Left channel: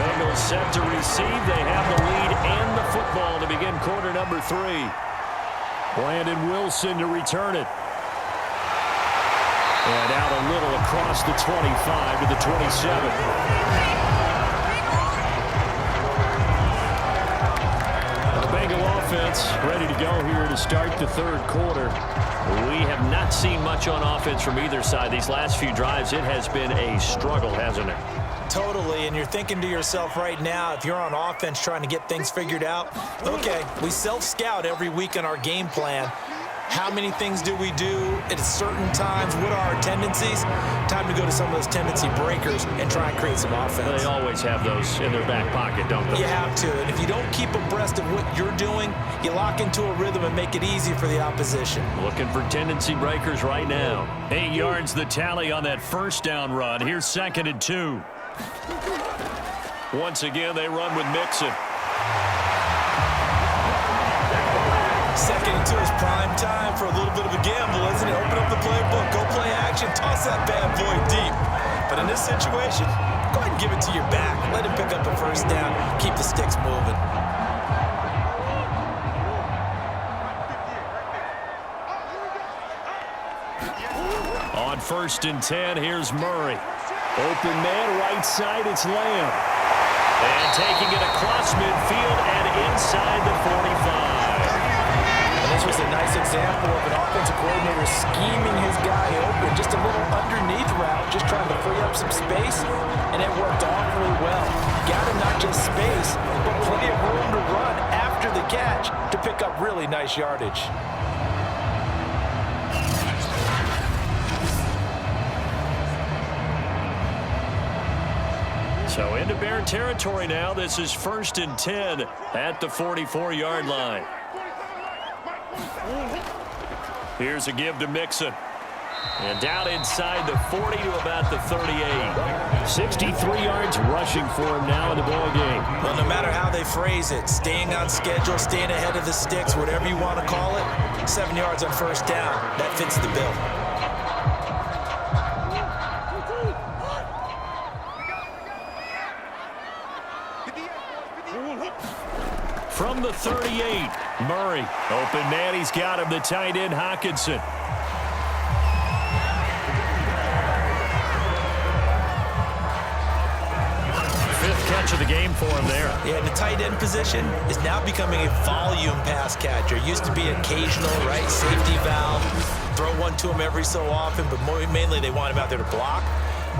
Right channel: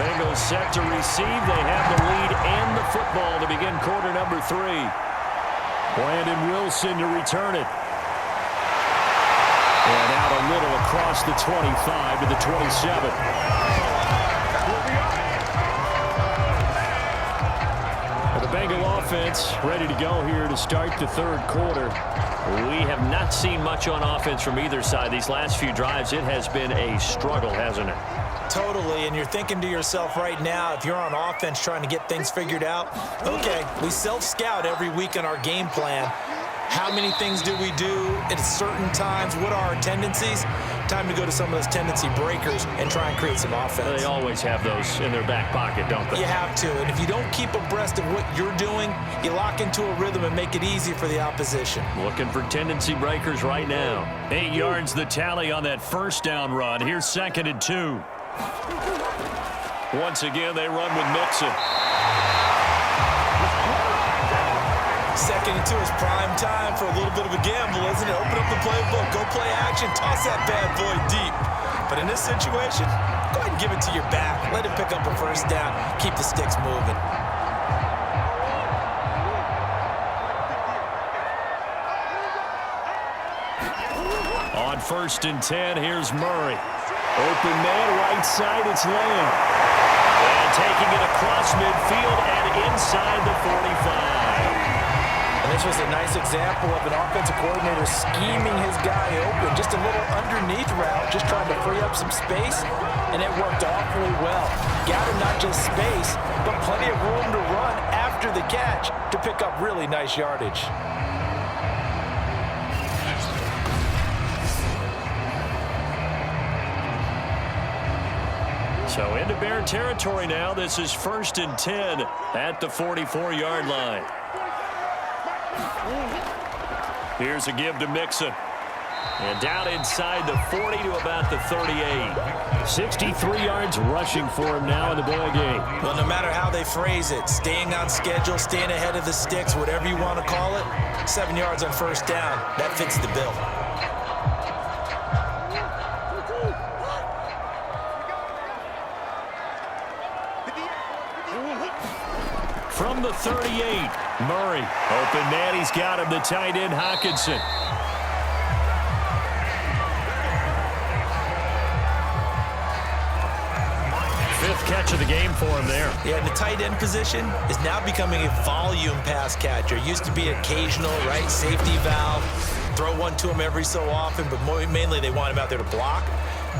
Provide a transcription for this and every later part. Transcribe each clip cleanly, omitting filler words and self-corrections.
Bengals set to receive. They have the lead and the football to begin quarter number 3. Brandon Wilson to return it. And out a little across the 25 to the 27. The Bengal offense ready to go here to start the third quarter. We have not seen much on offense from either side. These last few drives, it has been a struggle, hasn't it? Totally, and you're thinking to yourself right now, if you're on offense trying to get things figured out, okay, we self-scout every week on our game plan. How many things do we do at certain times? What are our tendencies? Time to go to some of those tendency breakers and try and create some offense. They always have those in their back pocket, don't they? You have to, and if you don't keep abreast of what you're doing, you lock into a rhythm and make it easy for the opposition. Looking for tendency breakers right now. 8 yards the tally on that first down run. Here's 2nd and 2. Once again, they run with Mixon. 2nd and 2 is prime time for a little bit of a gamble, isn't it? Open up the playbook, go play action, toss that bad boy deep. But in this situation, go ahead and give it to your back. Let him pick up a first down. Keep the sticks moving. On 1st and 10, here's Murray. Open man, right side, it's Lamb. And taking it across midfield and inside the 45. And this was a nice example of an offensive coordinator scheming his guy open. Just a little underneath route, just trying to free up some space, and it worked awfully well. Got him not just space, but plenty of room to run after the catch to pick up really nice yardage. So into Bear territory now. This is 1st and 10 at the 44-yard line. Here's a give to Mixon. And down inside the 40 to about the 38. 63 yards rushing for him now in the ball game. Well, no matter how they phrase it, staying on schedule, staying ahead of the sticks, whatever you want to call it, 7 yards on first down, that fits the bill. From the 38, Murray. Open man, he's got him, the tight end, Hockenson. Fifth catch of the game for him there. Yeah, and the tight end position is now becoming a volume pass catcher. Used to be occasional, right, safety valve. Throw one to him every so often, but mainly they want him out there to block.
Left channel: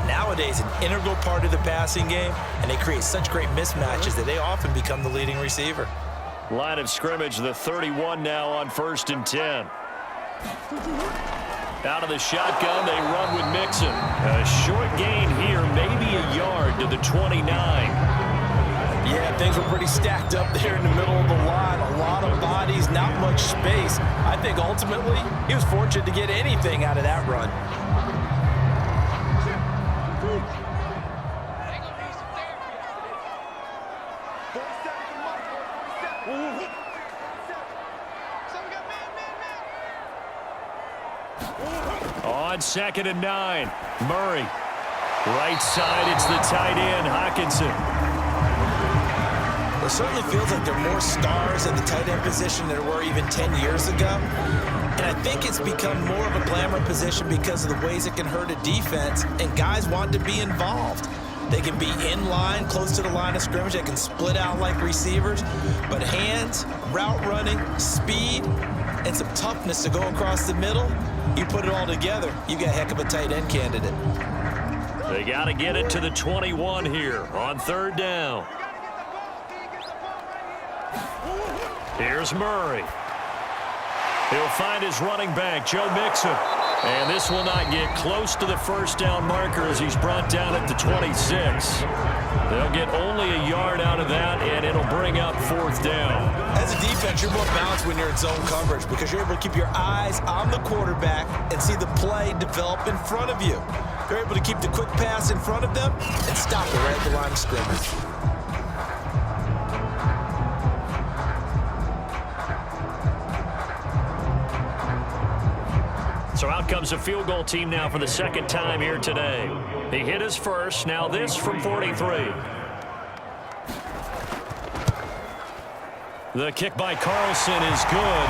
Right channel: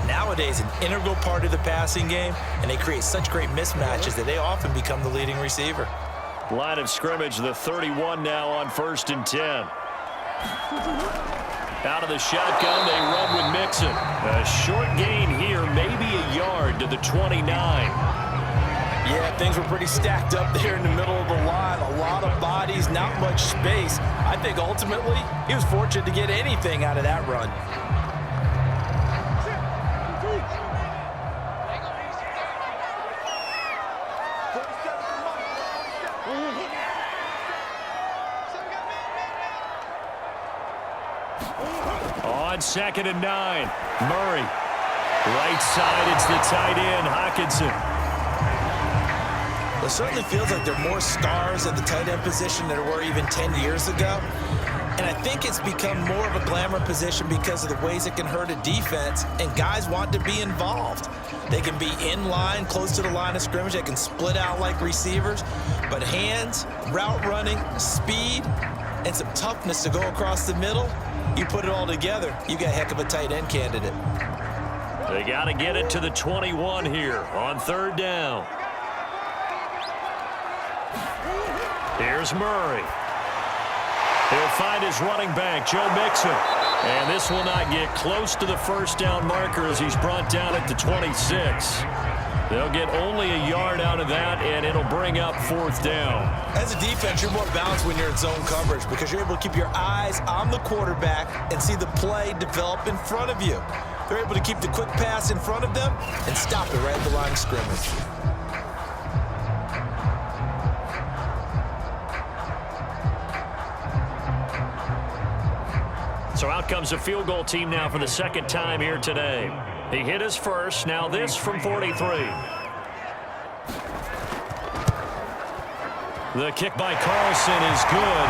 Nowadays, an integral part of the passing game, and they create such great mismatches that they often become the leading receiver. Line of scrimmage, the 31 now on 1st and 10. Out of the shotgun, they run with Mixon. A short gain here, maybe a yard to the 29. Yeah, things were pretty stacked up there in the middle of the line. A lot of bodies, not much space. I think ultimately he was fortunate to get anything out of that run. On 2nd and 9, Murray. Right side, it's the tight end, Hockenson. Well, it certainly feels like there are more stars at the tight end position than there were even 10 years ago. And I think it's become more of a glamour position because of the ways it can hurt a defense, and guys want to be involved. They can be in line, close to the line of scrimmage. They can split out like receivers. But hands, route running, speed, and some toughness to go across the middle, you put it all together, you got a heck of a tight end candidate. They got to get it to the 21 here on 3rd down. Here's Murray. He'll find his running back, Joe Mixon. And this will not get close to the first down marker as he's brought down at the 26. They'll get only a yard out of that, and it'll bring up 4th down. As a defense, you're more balanced when you're in zone coverage because you're able to keep your eyes on the quarterback and see the play develop in front of you. They're able to keep the quick pass in front of them and stop it right at the line of scrimmage. So out comes a field goal team now for the 2nd time here today. He hit his first, now this from 43. The kick by Carlson is good.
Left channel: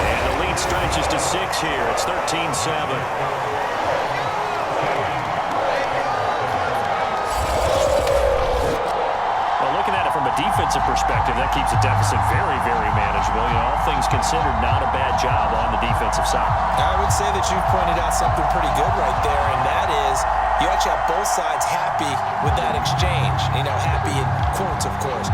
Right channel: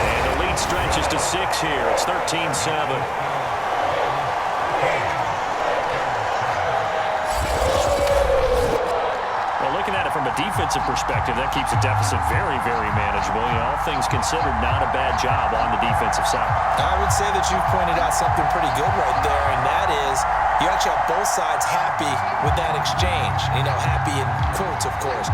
And the lead stretches to 6 here. It's 13-7. Well, looking at it from a defensive perspective, that keeps the deficit very, very manageable. You know, all things considered, not a bad job on the defensive side. I would say that you've pointed out something pretty good right there, and that is you actually have both sides happy with that exchange. You know, happy in quotes, of course.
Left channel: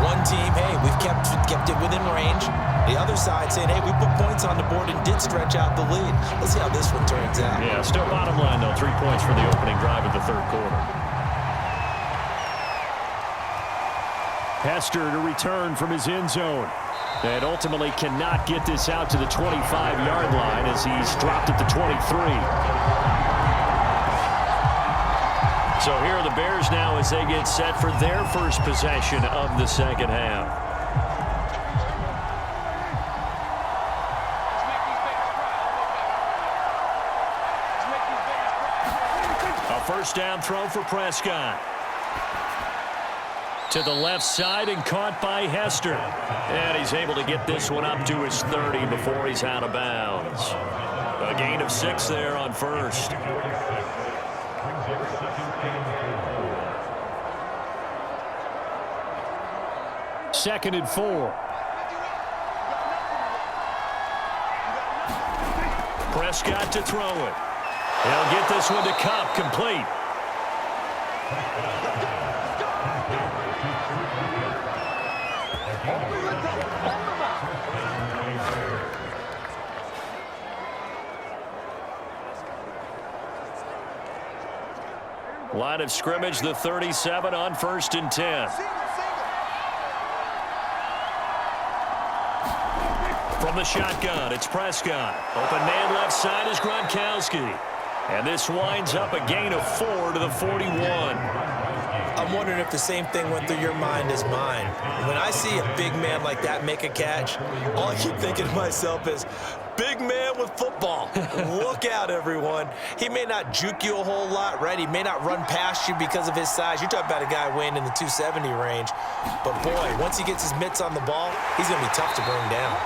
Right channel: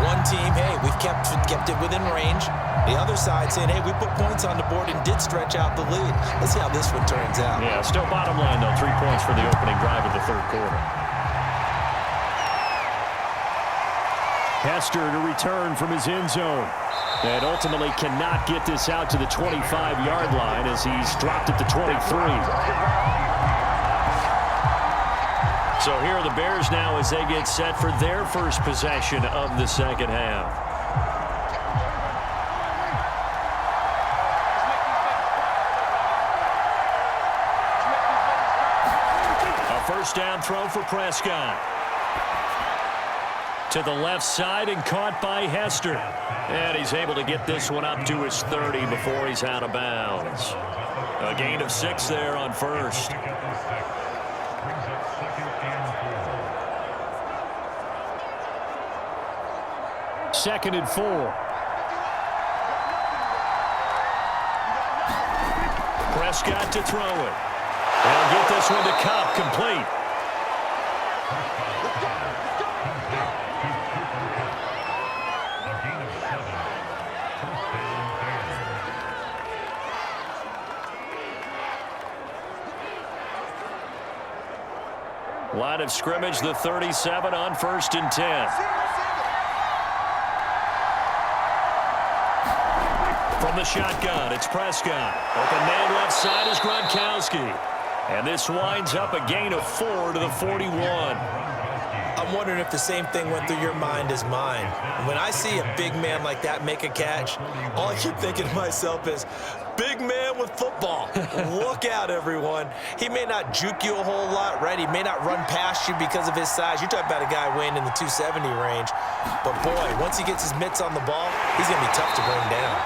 One team, hey, we've kept it within range. The other side saying, hey, we put points on the board and did stretch out the lead. Let's see how this one turns out. Yeah, still bottom line, though, 3 points for the opening drive of the third quarter. Hester to return from his end zone. And ultimately cannot get this out to the 25-yard line as he's dropped at the 23. So here are the Bears now as they get set for their first possession of the second half. A first down throw for Prescott. To the left side and caught by Hester. And he's able to get this one up to his 30 before he's out of bounds. A gain of 6 there on first. Second and 4. Prescott to throw it. He'll get this one to Kupp, complete. Line of scrimmage, the 37 on 1st and 10. From the shotgun, it's Prescott. Open man left side is Gronkowski. And this winds up a gain of 4 to the 41. I'm wondering if the same thing went through your mind as mine. When I see a big man like that make a catch, all I keep thinking to myself is, big man with football. Look out, everyone. He may not juke you a whole lot, right? He may not run past you because of his size. You're talking about a guy weighing in the 270 range. But, boy, once he gets his mitts on the ball, he's going to be tough to bring down.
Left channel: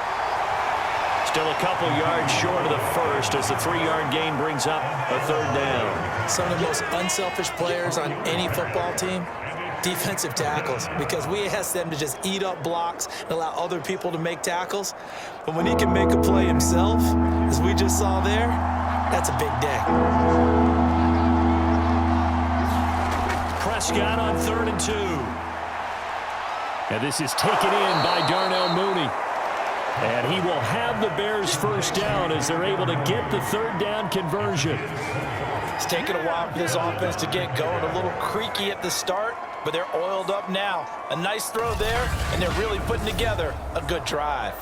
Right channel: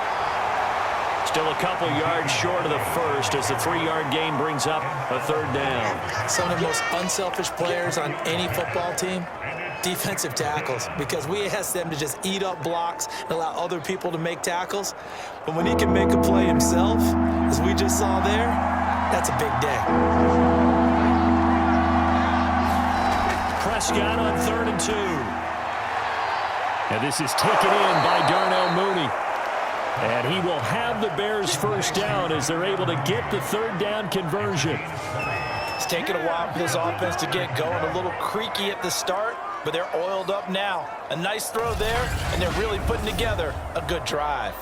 Still a couple yards short of the first as the 3-yard gain brings up a third down. Some of the most unselfish players on any football team, defensive tackles, because we ask them to just eat up blocks and allow other people to make tackles. But when he can make a play himself, as we just saw there, that's a big day. Prescott on 3rd and 2. And this is taken in by Darnell Mooney. And he will have the Bears first down as they're able to get the third down conversion. It's taken a while for this offense to get going. A little creaky at the start, but they're oiled up now. A nice throw there, and they're really putting together a good drive.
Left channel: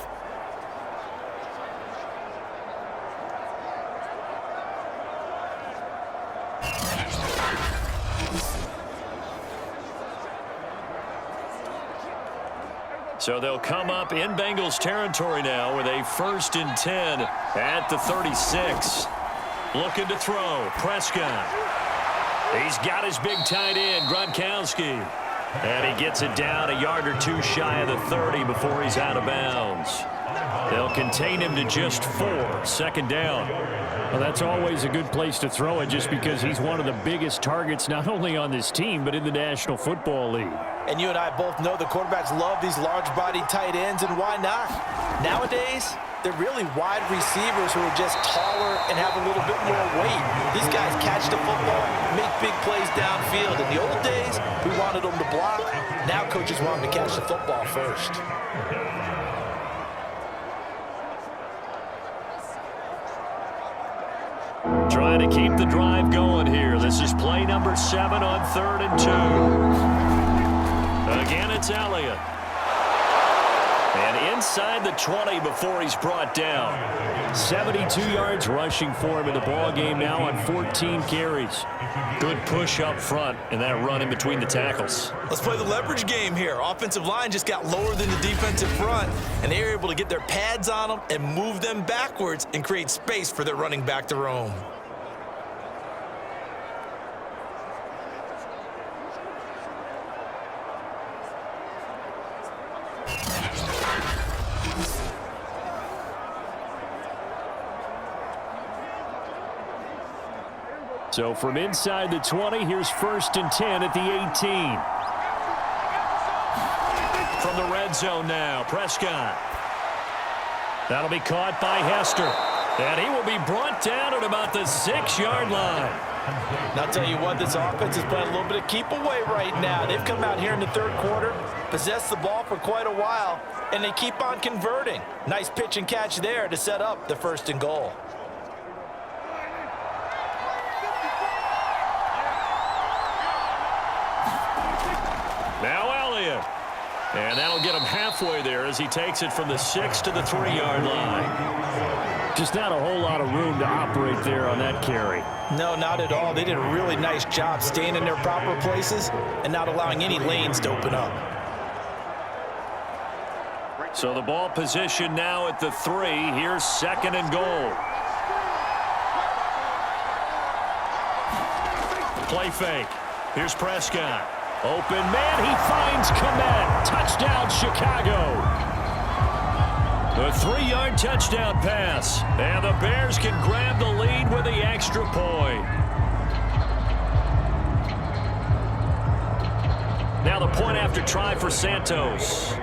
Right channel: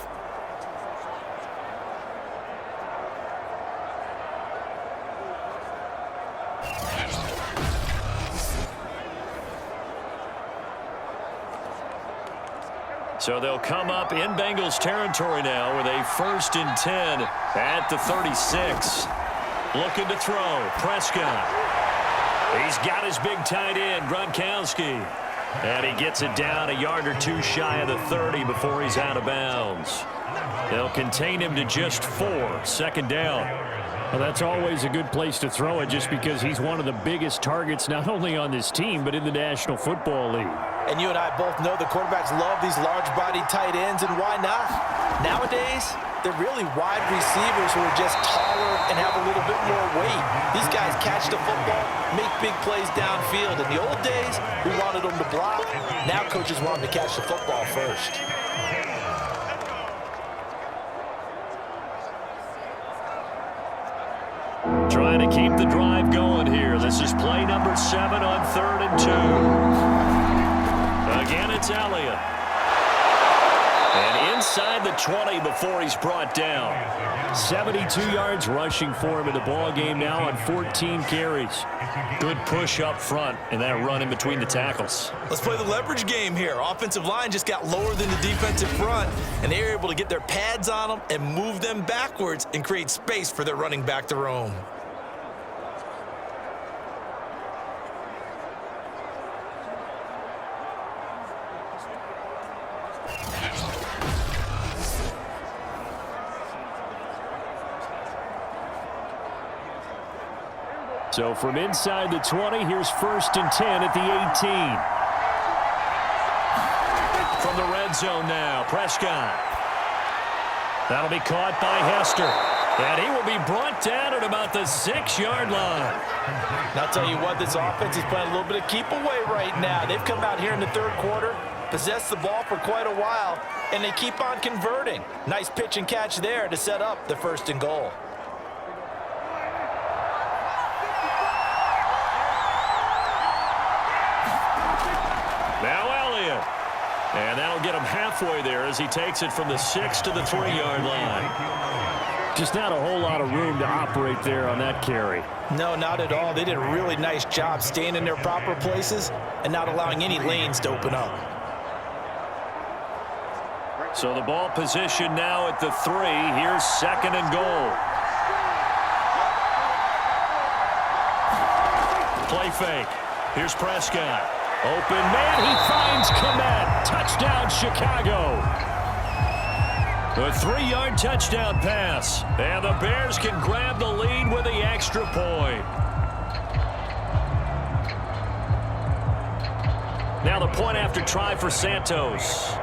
So they'll come up in Bengals territory now with a 1st and 10 at the 36. Looking to throw. Prescott. He's got his big tight end, Gronkowski. And he gets it down a yard or 2 shy of the 30 before he's out of bounds. They'll contain him to just 4. 2nd down. Well, that's always a good place to throw it just because he's one of the biggest targets not only on this team but in the National Football League. And you and I both know the quarterbacks love these large-bodied tight ends, and why not? Nowadays, they're really wide receivers who are just taller and have a little bit more weight. These guys catch the football, make big plays downfield. In the old days, we wanted them to block. Now coaches want them to catch the football first. Trying to keep the drive going here. This is play number 7 on 3rd and 2. Again, it's Elliott. And inside the 20 before he's brought down. 72 yards rushing for him in the ball game now on 14 carries. Good push up front and that run in between the tackles. Let's play the leverage game here. Offensive line just got lower than the defensive front, and they were able to get their pads on them and move them backwards and create space for their running back to roam. So from inside the 20, here's 1st and 10 at the 18. From the red zone now, Prescott. That'll be caught by Hester. And he will be brought down at about the 6-yard line. And I'll tell you what, this offense is playing a little bit of keep away right now. They've come out here in the third quarter, possessed the ball for quite a while, and they keep on converting. Nice pitch and catch there to set up the 1st and goal. Now Elliott. And that'll get him halfway there as he takes it from the 6 to the 3-yard line. Just not a whole lot of room to operate there on that carry. No, not at all. They did a really nice job staying in their proper places and not allowing any lanes to open up. So the ball position now at the 3. Here's 2nd and goal. Play fake. Here's Prescott. Open man, he finds Kmet. Touchdown, Chicago. The 3-yard touchdown pass. And the Bears can grab the lead with the extra point. Now the point after try for Santos.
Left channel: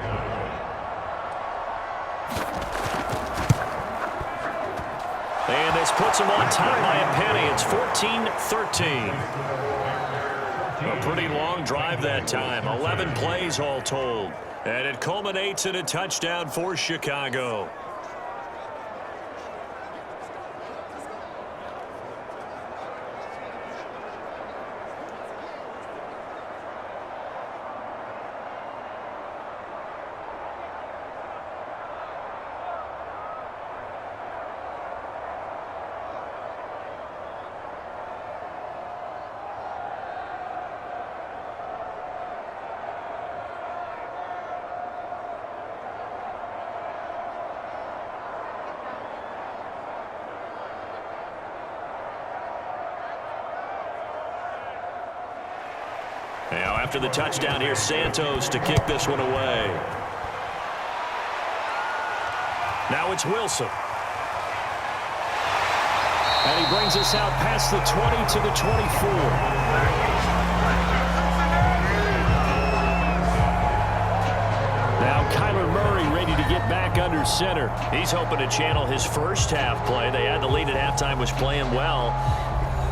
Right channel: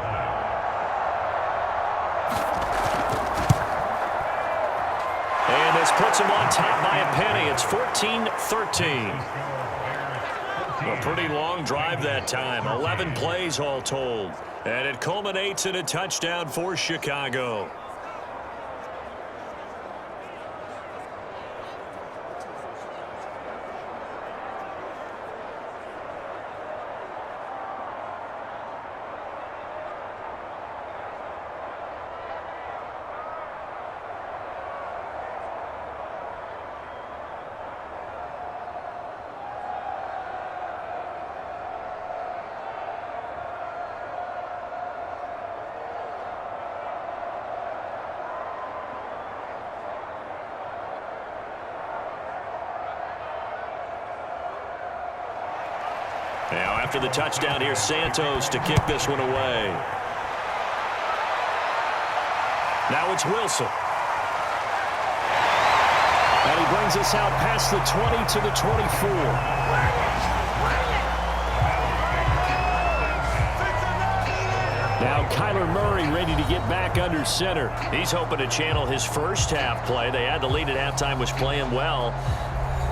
And this puts him on top by a penny. It's 14-13. A pretty long drive that time. 11 plays all told. And it culminates in a touchdown for Chicago. Now after the touchdown, here's Santos to kick this one away. Now it's Wilson. And he brings us out past the 20 to the 24. Now Kyler Murray ready to get back under center. He's hoping to channel his first half play. They had the lead at halftime, was playing well.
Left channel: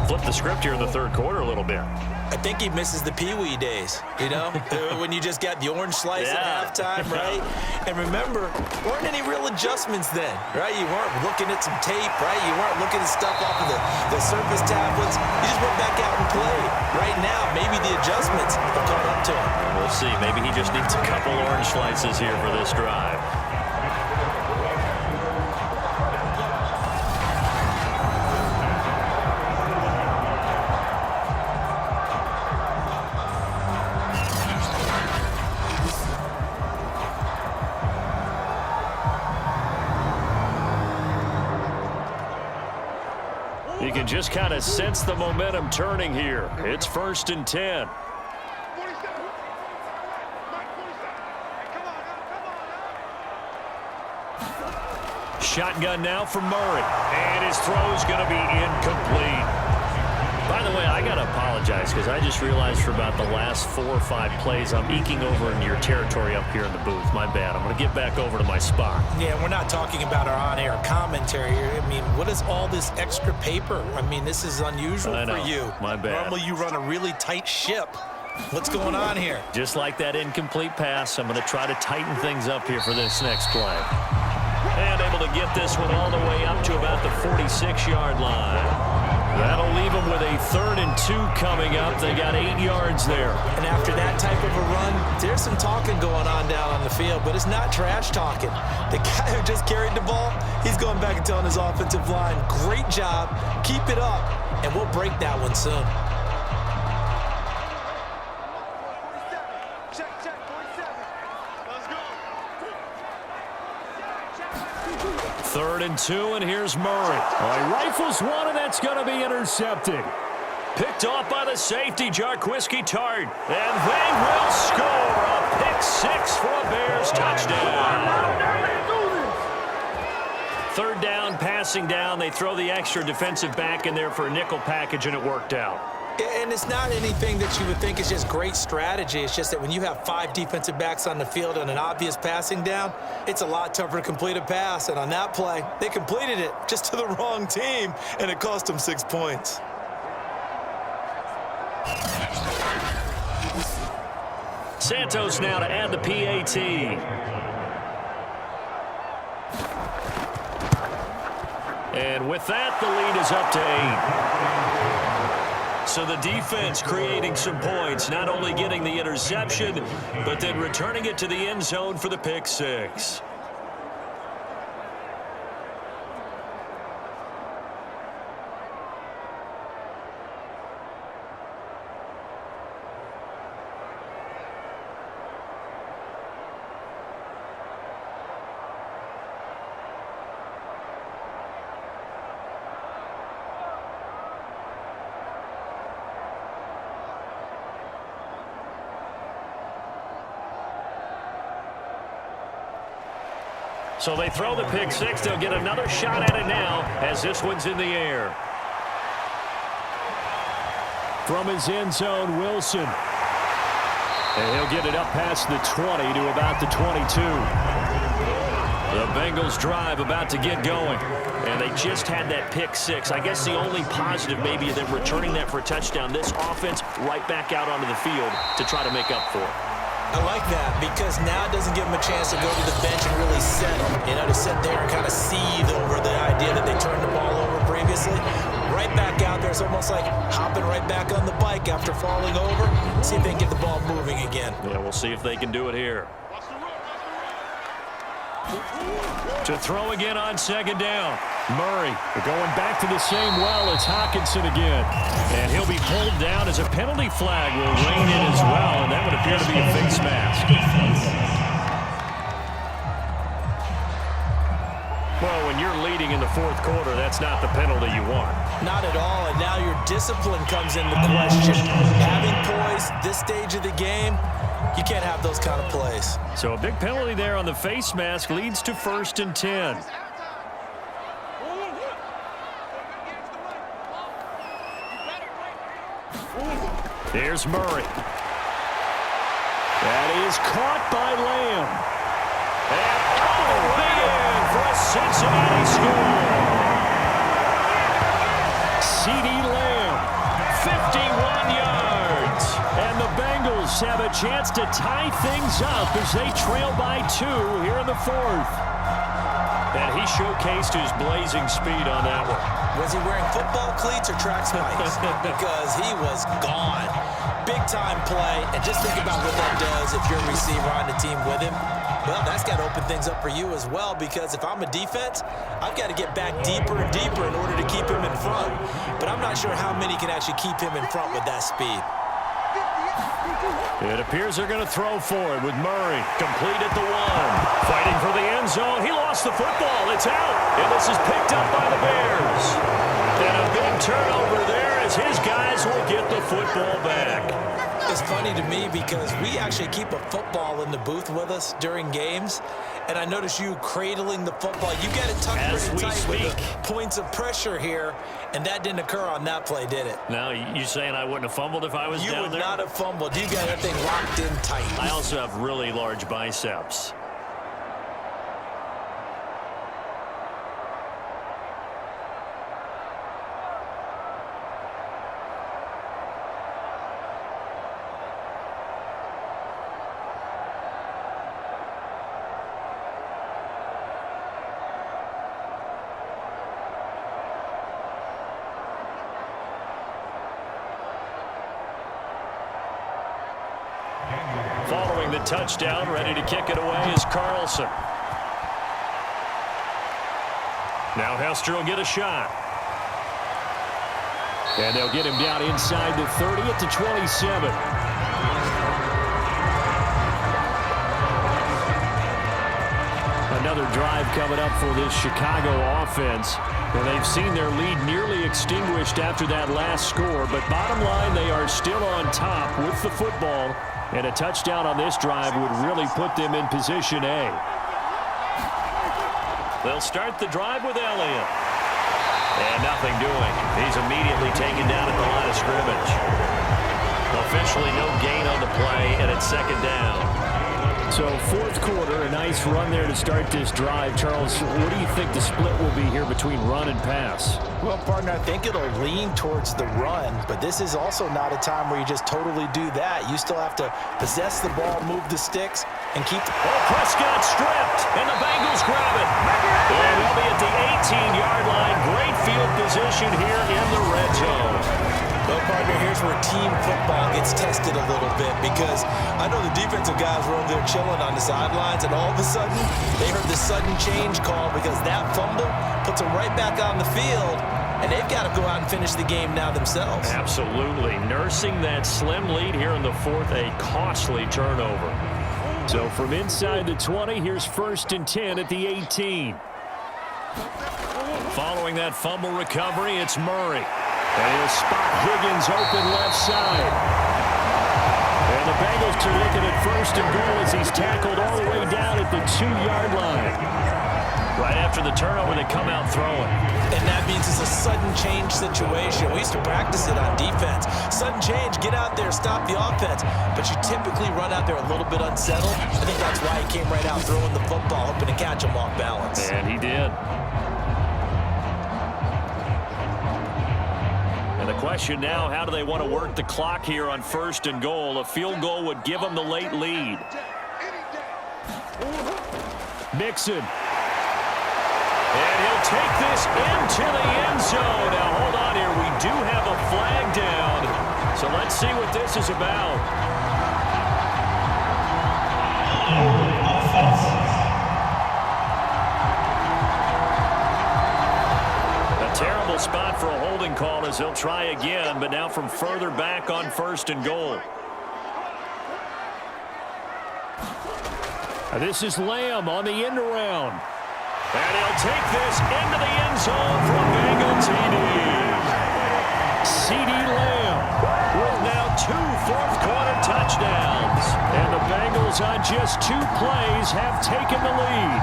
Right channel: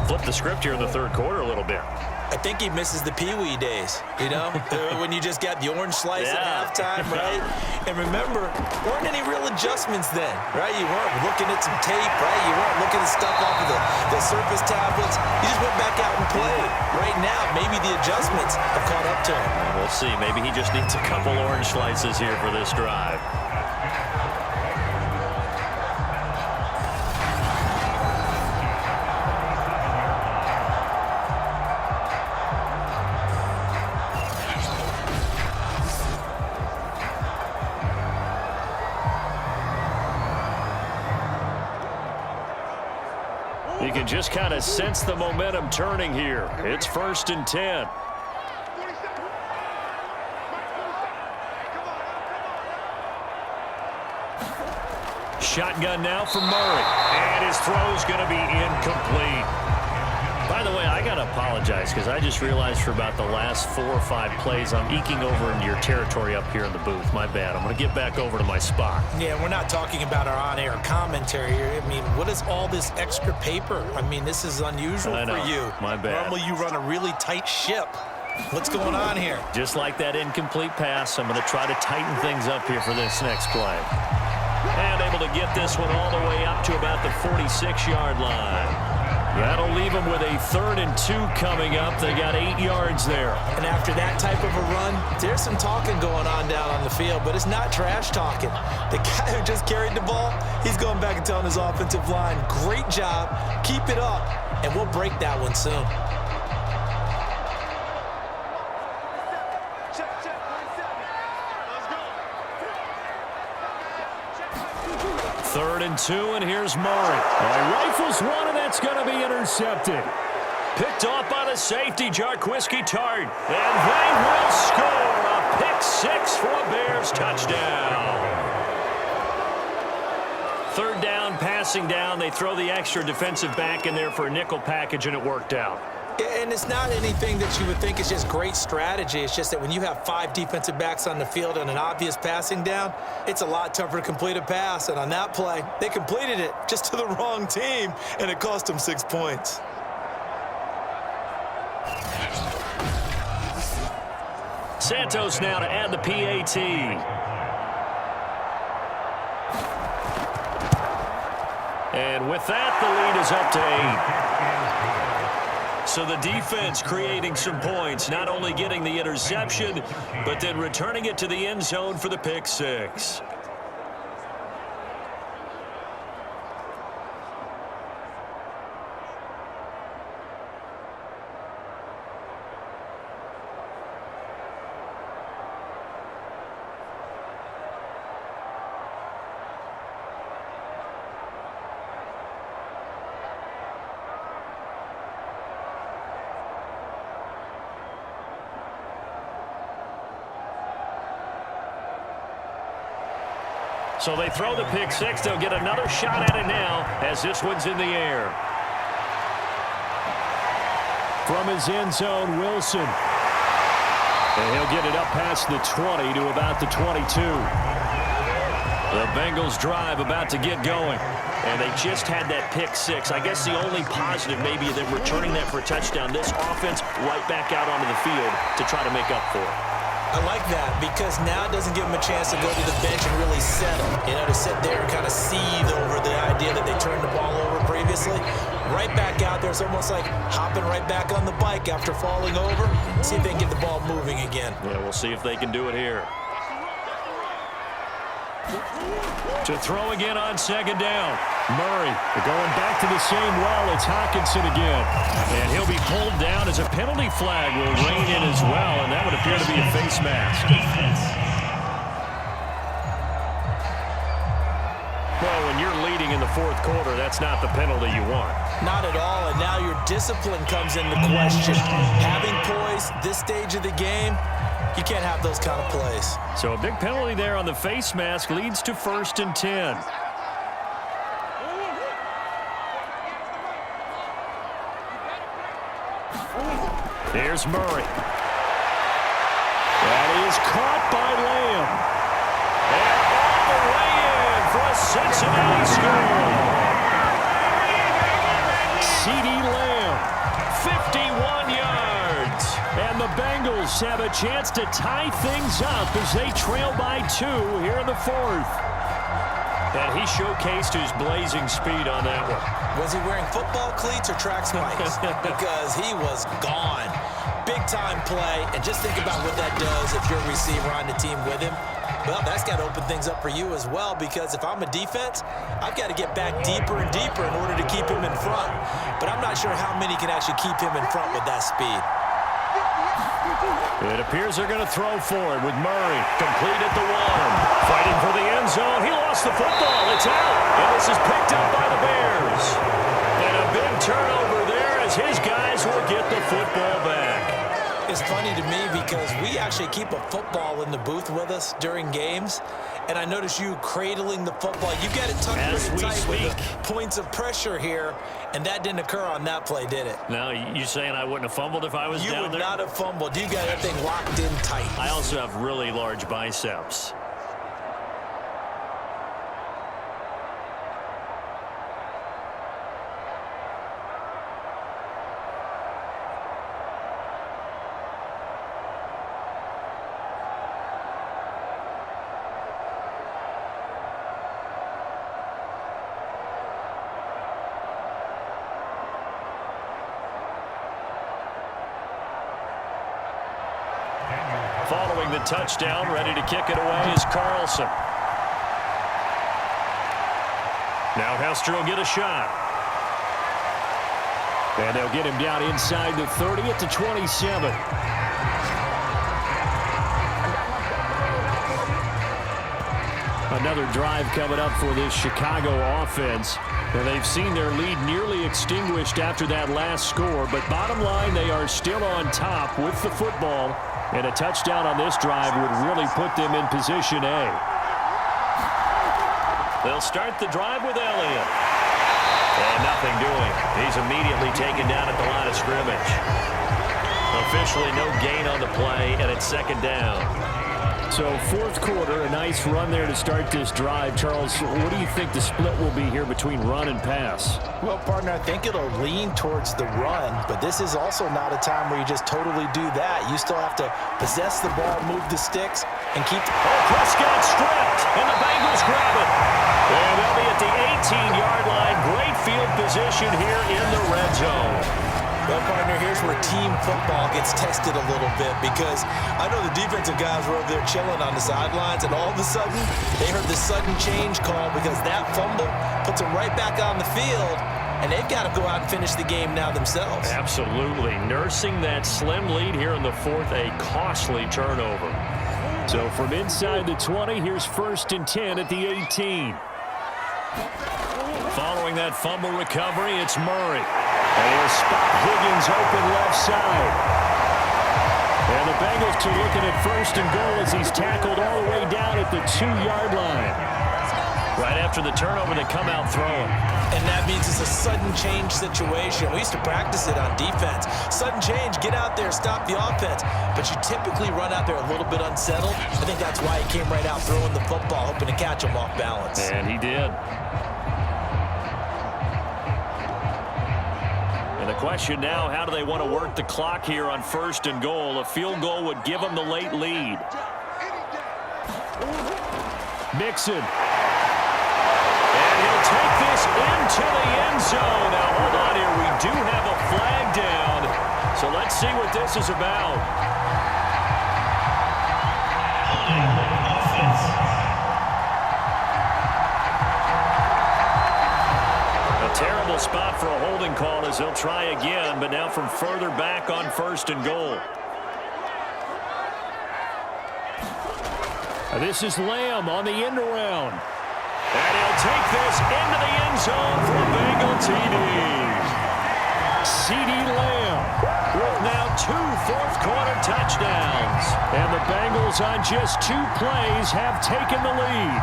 Flip the script here in the third quarter a little bit. I think he misses the Pee-wee days, you know, when you just got the orange slice at halftime, right? And remember, weren't any real adjustments then, right? You weren't looking at some tape, right? You weren't looking at stuff off of the surface tablets. You just went back out and played. Right now, maybe the adjustments have caught up to him. And we'll see. Maybe he just needs a couple orange slices here for this drive. You can just kind of sense the momentum turning here. It's 1st and 10. Shotgun now for Murray. And his throw's going to be incomplete. By the way, I got to apologize because I just realized for about the last 4 or 5 plays, I'm eking over into your territory up here in the booth. My bad. I'm going to get back over to my spot. Yeah, we're not talking about our on-air commentary here. I mean, what is all this extra paper? I mean, this is unusual for you. My bad. Normally you run a really tight ship. What's going on here? Just like that incomplete pass, I'm going to try to tighten things up here for this next play. And able to get this one all the way up to about the 46-yard line. That'll leave them with a 3rd and 2 coming up. They got 8 yards there. And after that type of a run, there's some talking going on down on the field, but it's not trash talking. The guy who just carried the ball, he's going back and telling his offensive line, great job, keep it up, and we'll break that one soon. Third and 2, and here's Murray. He rifles one, and that's going to be intercepted. Picked off by the safety, Jarquiski Tart. And they will score a pick 6 for a Bears touchdown. 3rd down pass passing down. They throw the extra defensive back in there for a nickel package, and it worked out. And it's not anything that you would think is just great strategy. It's just that when you have 5 defensive backs on the field on an obvious passing down, it's a lot tougher to complete a pass. And on that play, they completed it just to the wrong team, and it cost them 6 points. Santos now to add the PAT. And with that, the lead is up to 8. So the defense creating some points, not only getting the interception, but then returning it to the end zone for the pick 6. So they throw the pick 6. They'll get another shot at it now as this one's in the air. From his end zone, Wilson. And he'll get it up past the 20 to about the 22. The Bengals drive about to get going. And they just had that pick 6. I guess the only positive maybe of them returning that for a touchdown. This offense right back out onto the field to try to make up for it. I like that because now it doesn't give them a chance to go to the bench and really settle. You know, to sit there and kind of seethe over the idea that they turned the ball over previously. Right back out there, it's almost like hopping right back on the bike after falling over. See if they can get the ball moving again. Yeah, we'll see if they can do it here. To throw again on second down. Murray going back to the same well. It's Hockenson again. And he'll be pulled down as a penalty flag will rein in as well, and that would appear to be a face mask. Well, when you're leading in the fourth quarter, that's not the penalty you want. Not at all, and now your discipline comes into question. Having poise this stage of the game, you can't have those kind of plays. So a big penalty there on the face mask leads to 1st and 10. Here's Murray. That is caught by Lamb. And all the way in for a Cincinnati score. CeeDee Lamb, 51 yards. And the Bengals have a chance to tie things up as they trail by 2 here in the 4th. And he showcased his blazing speed on that one. Was he wearing football cleats or track spikes? Because he was gone. Big-time play, and just think about what that does if you're a receiver on the team with him. Well, that's got to open things up for you as well, because if I'm a defense, I've got to get back deeper and deeper in order to keep him in front. But I'm not sure how many can actually keep him in front with that speed. It appears they're going to throw for it with Murray. Complete at the 1. Fighting for the end zone. He lost the football. It's out. And this is picked up by the Bears. And a big turnover there as his guys will get the football back. It's funny to me because we actually keep a football in the booth with us during games. And I notice you cradling the football. You got it tucked pretty tight with the points of pressure here. And that didn't occur on that play, did it? No, you saying I wouldn't have fumbled if I was down there? You would not have fumbled. You got that thing locked in tight. I also have really large biceps. Following the touchdown, ready to kick it away is Carlson. Now Hester will get a shot. And they'll get him down inside the 30 at the 27. Another drive coming up for this Chicago offense. And they've seen their lead nearly extinguished after that last score. But bottom line, they are still on top with the football. And a touchdown on this drive would really put them in position A. They'll start the drive with Elliott. And nothing doing. He's immediately taken down at the line of scrimmage. Officially no gain on the play, and it's second down. So fourth quarter, a nice run there to start this drive. Charles, what do you think the split will be here between run and pass? Well, partner, I think it'll lean towards the run, but this is also not a time where you just totally do that. You still have to possess the ball, move the sticks, and keep the... Oh, Prescott stripped, and the Bengals grab it. And they'll be at the 18-yard line. Great field position here in the red zone. Well, partner, here's where team football gets tested a little bit, because I know the defensive guys were over there chilling on the sidelines, and all of a sudden, they heard the sudden change call because that fumble puts them right back on the field, and they've got to go out and finish the game now themselves. Absolutely. Nursing that slim lead here in the fourth, a costly turnover. So from inside the 20, here's 1st and 10 at the 18. Following that fumble recovery, it's Murray. And he'll spot Higgins open left side. And the Bengals are looking at 1st and goal as he's tackled all the way down at the 2-yard line. Right after the turnover, they come out throwing. And that means it's a sudden change situation. We used to practice it on defense. Sudden change, get out there, stop the offense. But you typically run out there a little bit unsettled. I think that's why he came right out throwing the football, hoping to catch him off balance. And he did. And the question now, how do they want to work the clock here on 1st and goal? A field goal would give them the late lead. Mixon. And he'll take this into the end zone. Now, hold on here. We do have a flag down. So let's see what this is about. A terrible spot for a holding call as he'll try again, but now from further back on 1st and goal. This is Lamb on the end around. And he'll take this into the end zone for a Bengal TD. CeeDee Lamb with now 2 fourth-quarter touchdowns. And the Bengals on just 2 plays have taken the lead.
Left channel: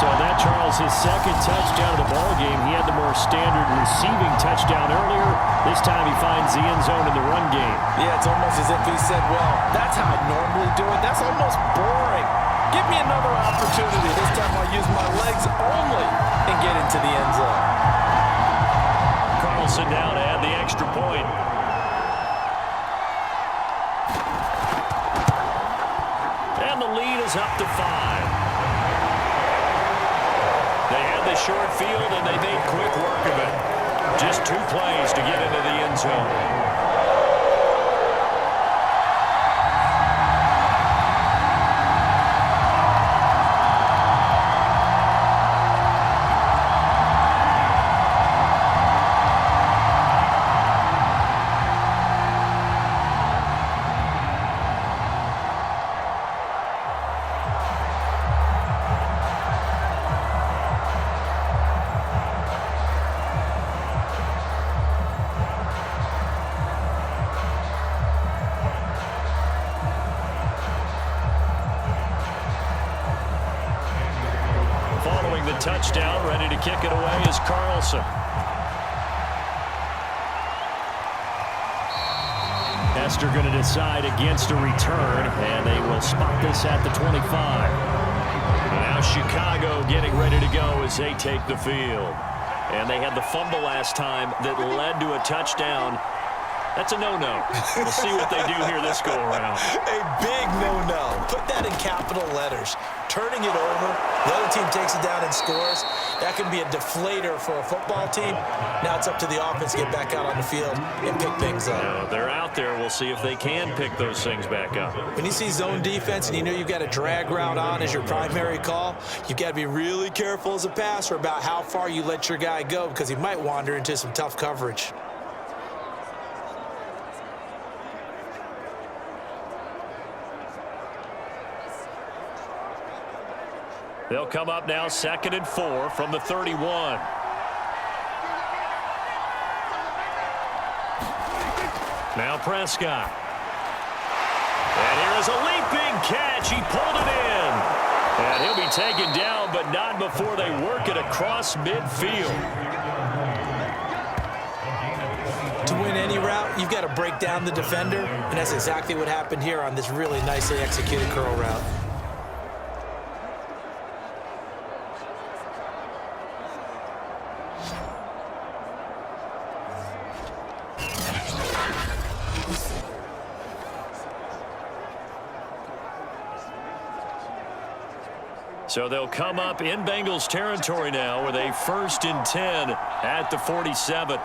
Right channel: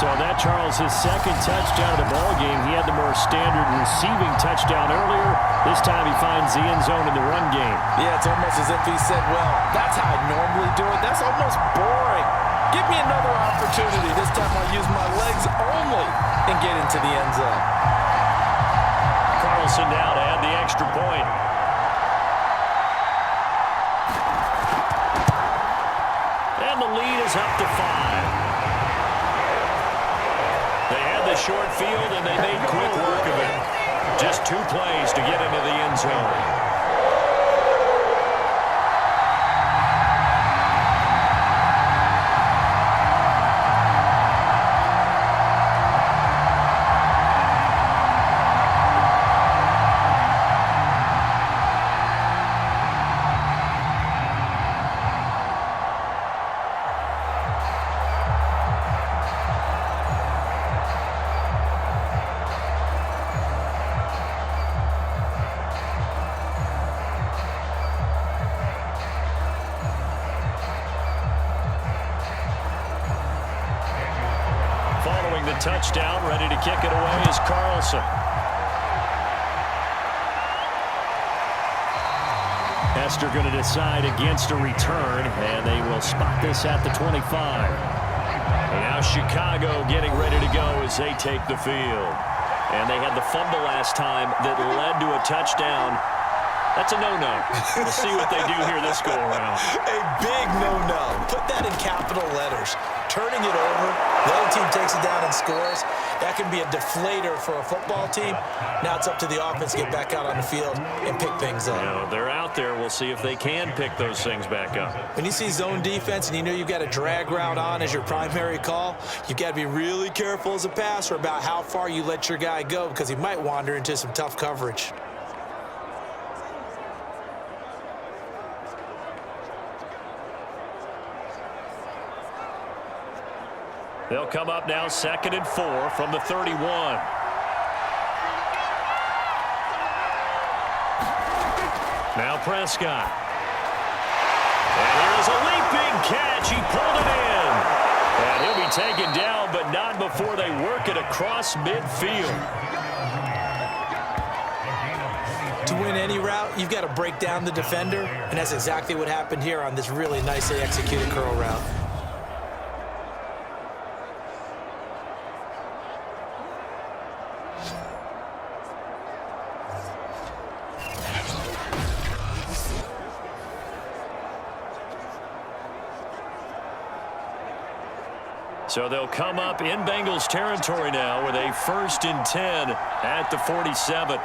So that, Charles, his 2nd touchdown of the ball game. He had the more standard receiving touchdown earlier. This time he finds the end zone in the run game. Yeah, it's almost as if he said, well, that's how I normally do it. That's almost boring. Give me another opportunity. This time I'll use my legs only and get into the end zone. Carlson now to add the extra point. And the lead is up to 5. They had the short field, and they made quick work of it. Just 2 plays to get into the end zone. Following the touchdown, ready to kick it away is Carlson. Hester going to decide against a return, and they will spot this at the 25. And now Chicago getting ready to go as they take the field. And they had the fumble last time that led to a touchdown. That's a no-no. We'll see what they do here this go-around. A big no-no. Put that in capital letters. Turning it over, the other team takes it down and scores. That can be a deflator for a football team. Now it's up to the offense to get back out on the field and pick things up. Now, they're out there. We'll see if they can pick those things back up. When you see zone defense and you know you've got a drag route on as your primary call, you've got to be really careful as a passer about how far you let your guy go, because he might wander into some tough coverage. They'll come up now 2nd and 4 from the 31. Now Prescott. And here's a leaping catch. He pulled it in. And he'll be taken down, but but not before they work it across midfield. To win any route, you've got to break down the defender, and that's exactly what happened here on this really nicely executed curl route. So they'll come up in Bengals territory now with a 1st and 10 at the 47.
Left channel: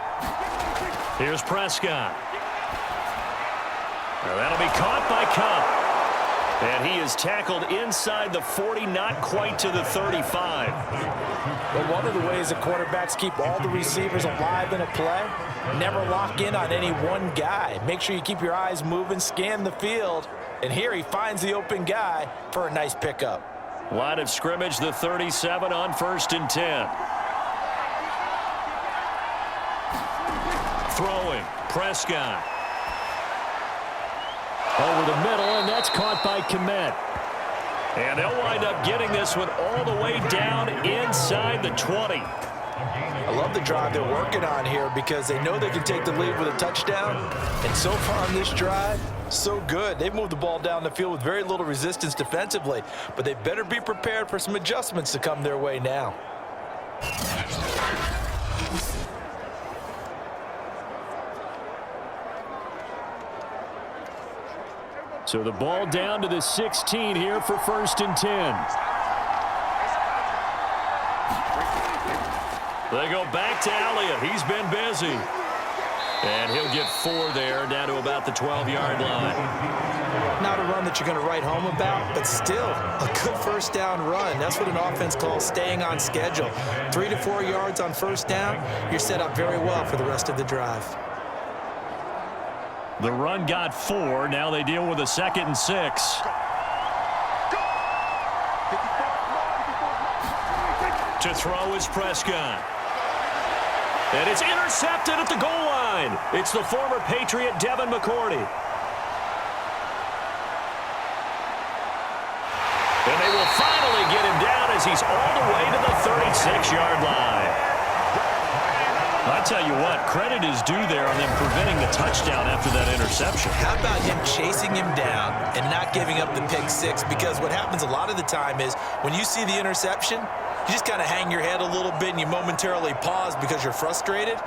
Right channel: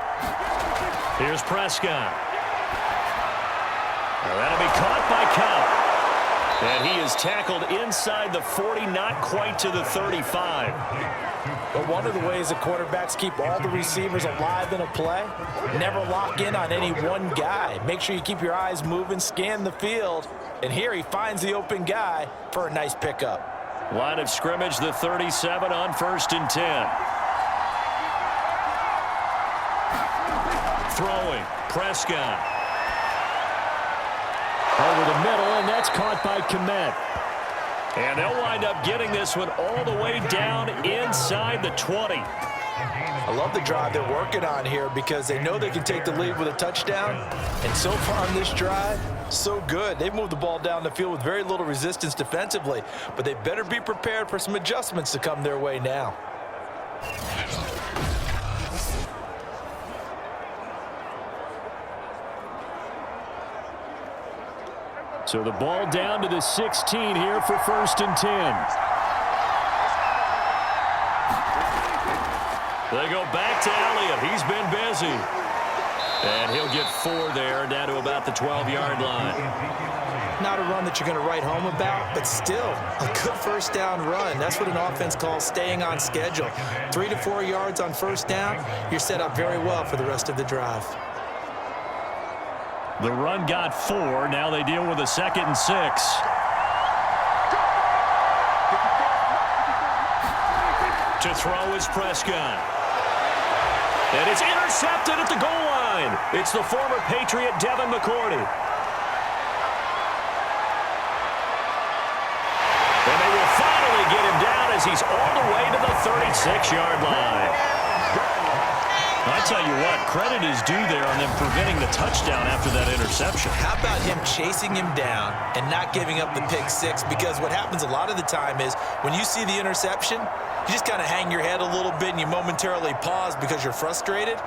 Here's Prescott. Now that'll be caught by Cup. And he is tackled inside the 40, not quite to the 35. But one of the ways that quarterbacks keep all the receivers alive in a play, never lock in on any one guy. Make sure you keep your eyes moving, scan the field. And here he finds the open guy for a nice pickup. Line of scrimmage, the 37 on 1st and 10. Throwing, Prescott. Over the middle, and that's caught by Kmet. And they'll wind up getting this one all the way down inside the 20. I love the drive they're working on here because they know they can take the lead with a touchdown. And so far on this drive, so good. They've moved the ball down the field with very little resistance defensively, but they better be prepared for some adjustments to come their way now. So the ball down to the 16 here for 1st and 10. They go back to Elliott. He's been busy. And he'll get 4 there, down to about the 12-yard line. Not a run that you're going to write home about, but still a good 1st down run. That's what an offense calls staying on schedule. 3 to 4 yards on 1st down, you're set up very well for the rest of the drive. The run got 4. Now they deal with a 2nd and 6. To throw is Prescott. And it's intercepted at the goal line. It's the former Patriot Devin McCourty. And they will finally get him down as he's all the way to the 36-yard line. I tell you what, credit is due there on them preventing the touchdown after that interception. How about him chasing him down and not giving up the pick 6? Because what happens a lot of the time is when you see the interception, you just kind of hang your head a little bit and you momentarily pause because you're frustrated.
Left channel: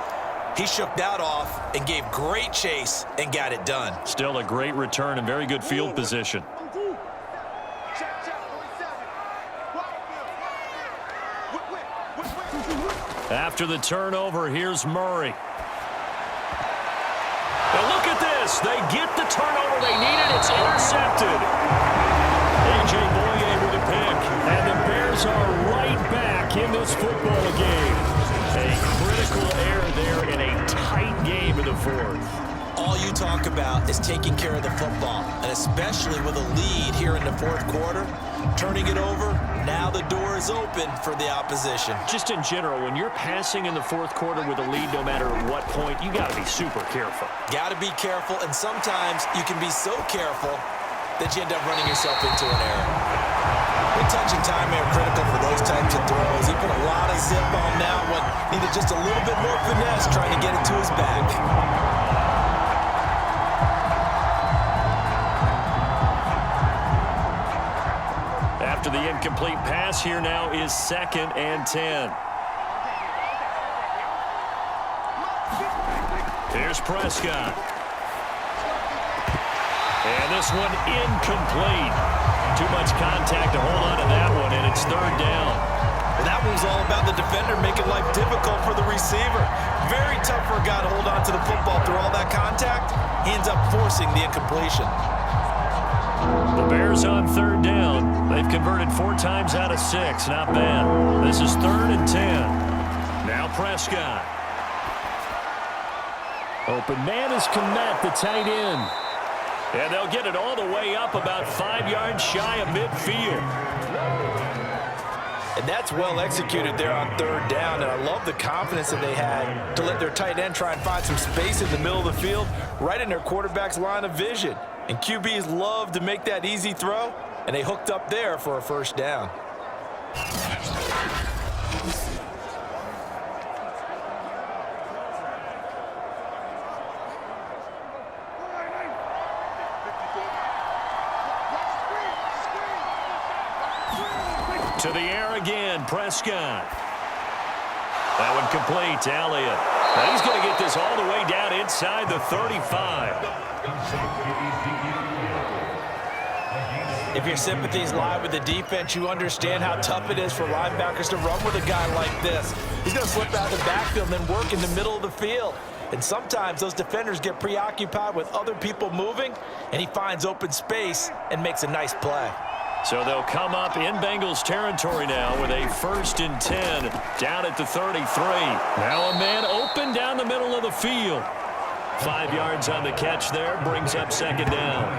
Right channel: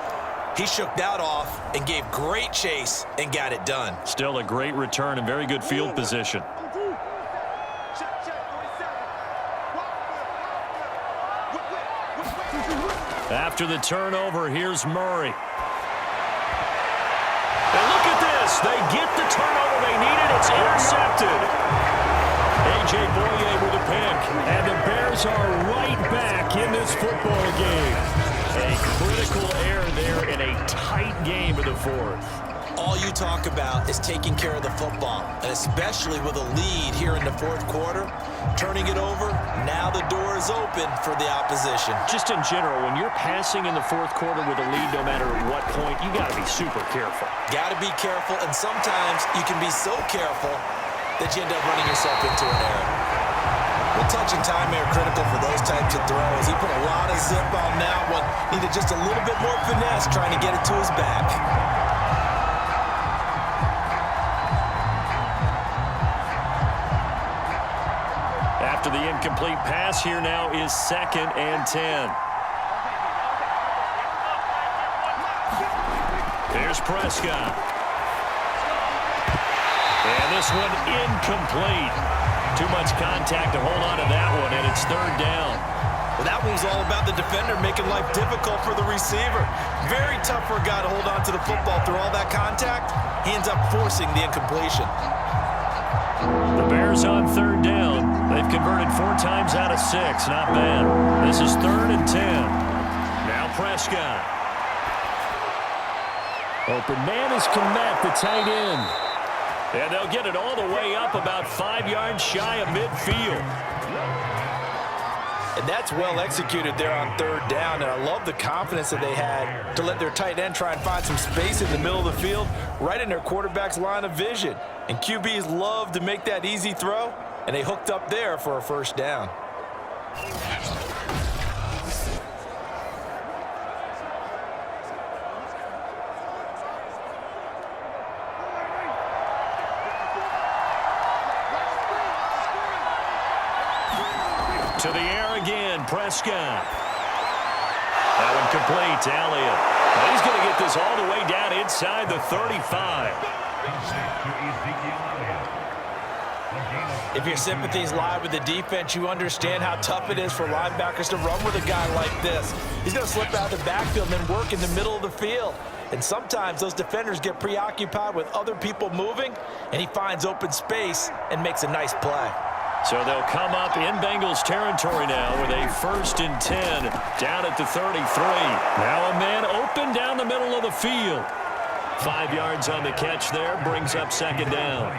He shook that off and gave great chase and got it done. Still a great return and very good field position. After the turnover, here's Murray. And look at this. They get the turnover they needed. It's intercepted. A.J. Boye with a pick. And the Bears are right back in this football game. A critical error there in a tight game in the 4th. All you talk about is taking care of the football, and especially with a lead here in the 4th quarter, turning it over, now the door is open for the opposition. Just in general, when you're passing in the 4th quarter with a lead, no matter at what point, you got to be super careful. Got to be careful, and sometimes you can be so careful that you end up running yourself into an error. Well, touch and time are critical for those types of throws. He put a lot of zip on that one. Needed just a little bit more finesse trying to get it to his back. After the incomplete pass, here now is 2nd and 10. Here's Prescott. And this one incomplete. Too much contact to hold on to that one, and it's 3rd down. Well, that one was all about the defender making life difficult for the receiver. Very tough for a guy to hold on to the football through all that contact. He ends up forcing the incompletion. The Bears on 3rd down. They've converted 4 times out of 6. Not bad. This is 3rd and 10. Now Prescott. Open man is Kmet, the tight end. And they'll get it all the way up about 5 yards shy of midfield. And that's well executed there on 3rd down. And I love the confidence that they had to let their tight end try and find some space in the middle of the field, right in their quarterback's line of vision. And QBs love to make that easy throw, and they hooked up there for a 1st down. To the air again, Prescott. That one complete to Elliott. Now he's going to get this all the way down inside the 35. If your sympathies lie with the defense, you understand how tough it is for linebackers to run with a guy like this. He's going to slip out of the backfield and then work in the middle of the field. And sometimes those defenders get preoccupied with other people moving, and he finds open space and makes a nice play. So they'll come up in Bengals territory now with a 1st and 10 down at the 33. Now a man open down the middle of the field. 5 yards on the catch there, brings up 2nd down.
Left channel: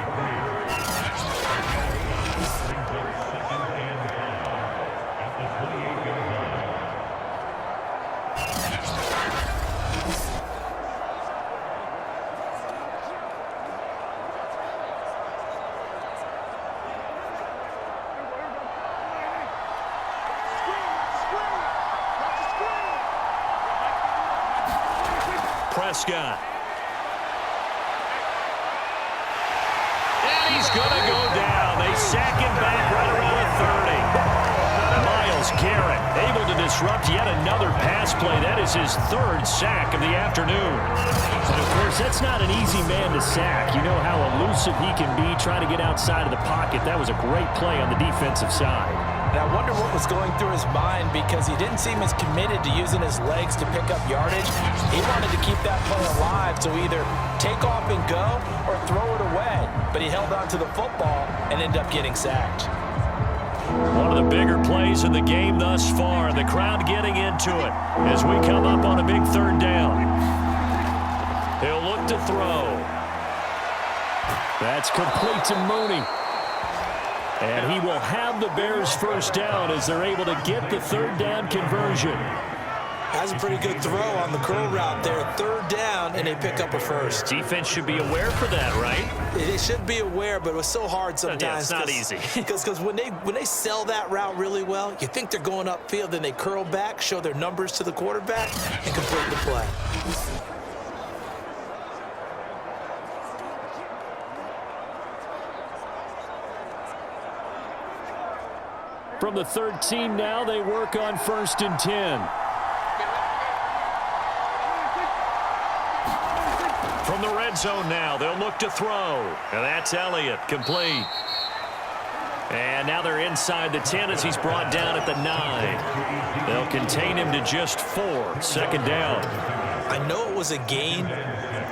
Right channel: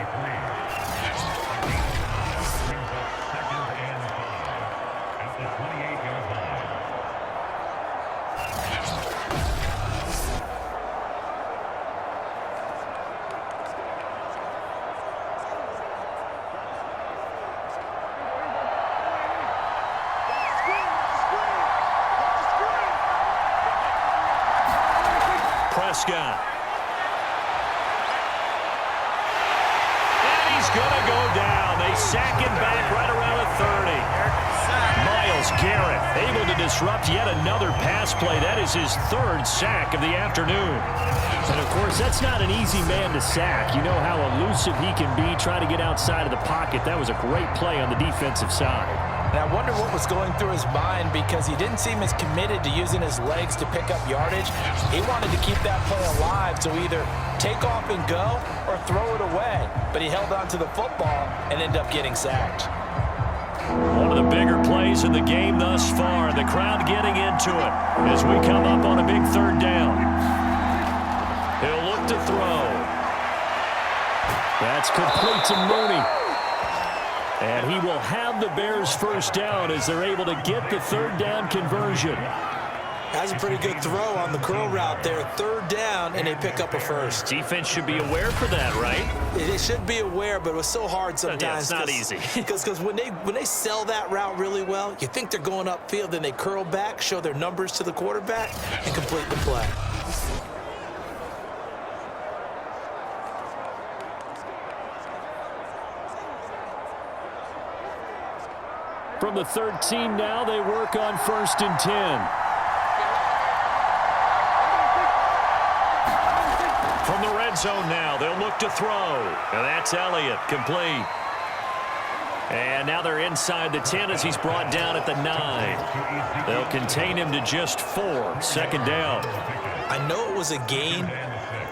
Prescott. And he's going to go down. They sack him back right around the 30. Myles Garrett able to disrupt yet another pass play. That is his 3rd sack of the afternoon. And, of course, that's not an easy man to sack. You know how elusive he can be trying to get outside of the pocket. That was a great play on the defensive side. And I wonder what was going through his mind, because he didn't seem as committed to using his legs to pick up yardage. He wanted to keep that play alive, so either take off and go or throw it away. But he held on to the football and ended up getting sacked. One of the bigger plays in the game thus far. The crowd getting into it as we come up on a big 3rd down. He'll look to throw. That's complete to Mooney. And he will have the Bears' 1st down as they're able to get the 3rd down conversion. That's a pretty good throw on the curl route there. 3rd down, and they pick up a 1st. Defense should be aware for that, right? They should be aware, but it was so hard sometimes. Yeah, it's not easy. Because when they sell that route really well, you think they're going upfield, then they curl back, show their numbers to the quarterback, and complete the play. From the 13 now, they work on 1st and 10. From the red zone now, they'll look to throw. And that's Elliott, complete. And now they're inside the 10 as he's brought down at the 9. They'll contain him to just 4. 2nd down. I know it was a gain,